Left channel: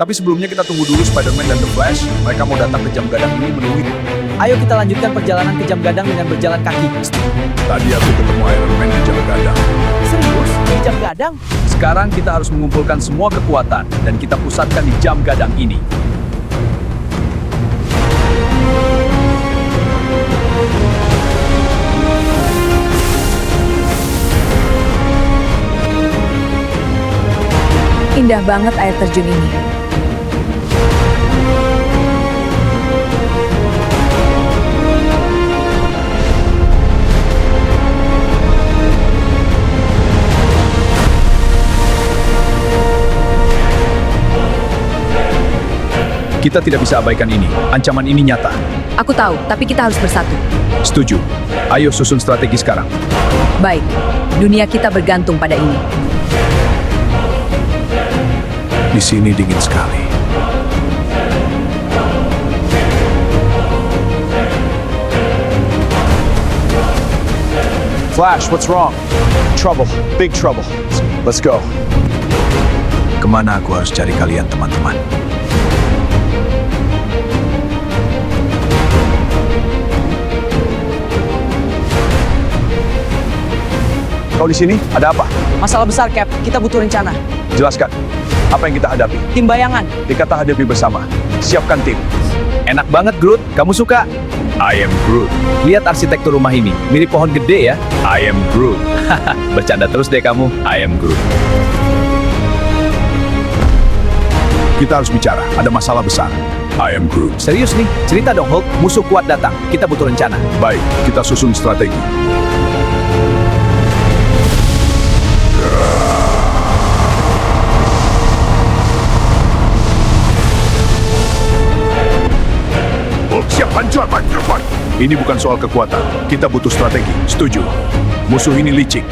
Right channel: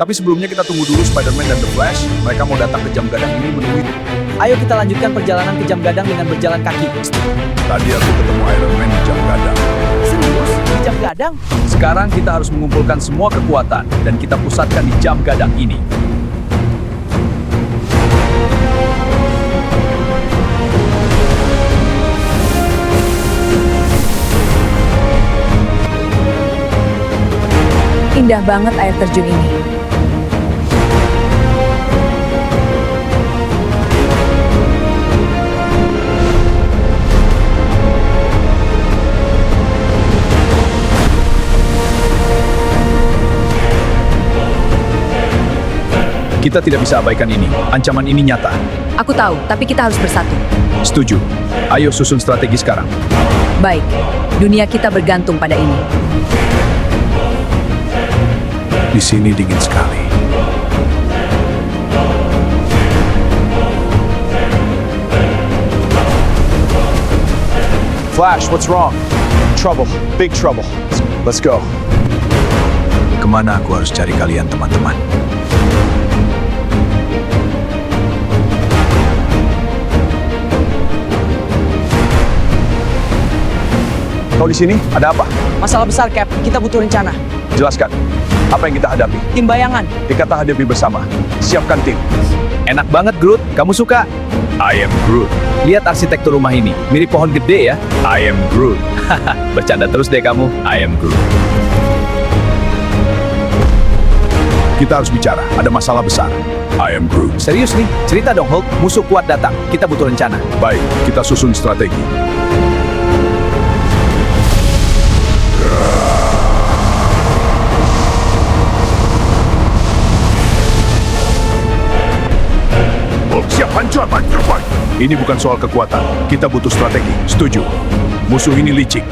Tapi sebelumnya kita tunggu dulu Spider-Man dan The Flash. Mereka mau datang ke jam gadang ini menemui. Ayo kita lanjutkan perjalanan ke jam gadang dengan berjalan kaki. Tadi aku ketemu Iron Man di jam gadang. Serius? Di jam gadang? Sekarang kita harus mengumpulkan semua kekuatan dan kita pusatkan di jam gadang ini. Indah banget air terjun ini. Kita tidak bisa abaikan ini. Ancaman ini nyata. Aku tahu, tapi kita harus bersatu. Setuju. Ayo susun strategi sekarang. Baik, dunia kita bergantung pada ini. Di sini dingin sekali. Flash, what's wrong? Trouble, big trouble. Let's go. Kemana aku harus cari kalian, teman-teman? Kau di sini? Ada apa? Masalah besar, Cap. Kita butuh rencana. Jelaskan. Apa yang kita hadapi? Tim bayangan. Dikata hadapi bersama. Siapkan tim. Enak banget, Groot. Kamu suka? I am Groot. Lihat arsitektur rumah ini. Mirip pohon gede ya. I am Groot. Haha, bercanda terus deh kamu. I am Groot. Kita harus bicara. Ada masalah besar. I am Groot. Serius nih? Cerita dong, Hulk. Musuh kuat datang. Kita butuh rencana. Baik, kita susun strategi. Siap hancur, terbaik. Ini bukan soal kekuatan. Kita butuh strategi. Setuju. Musuh ini licik.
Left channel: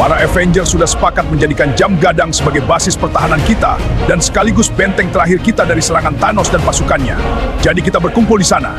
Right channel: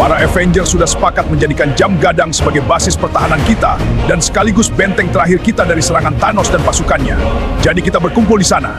Para Avengers sudah sepakat menjadikan jam gadang sebagai basis pertahanan kita dan sekaligus benteng terakhir kita dari serangan Thanos dan pasukannya. Jadi kita berkumpul di sana.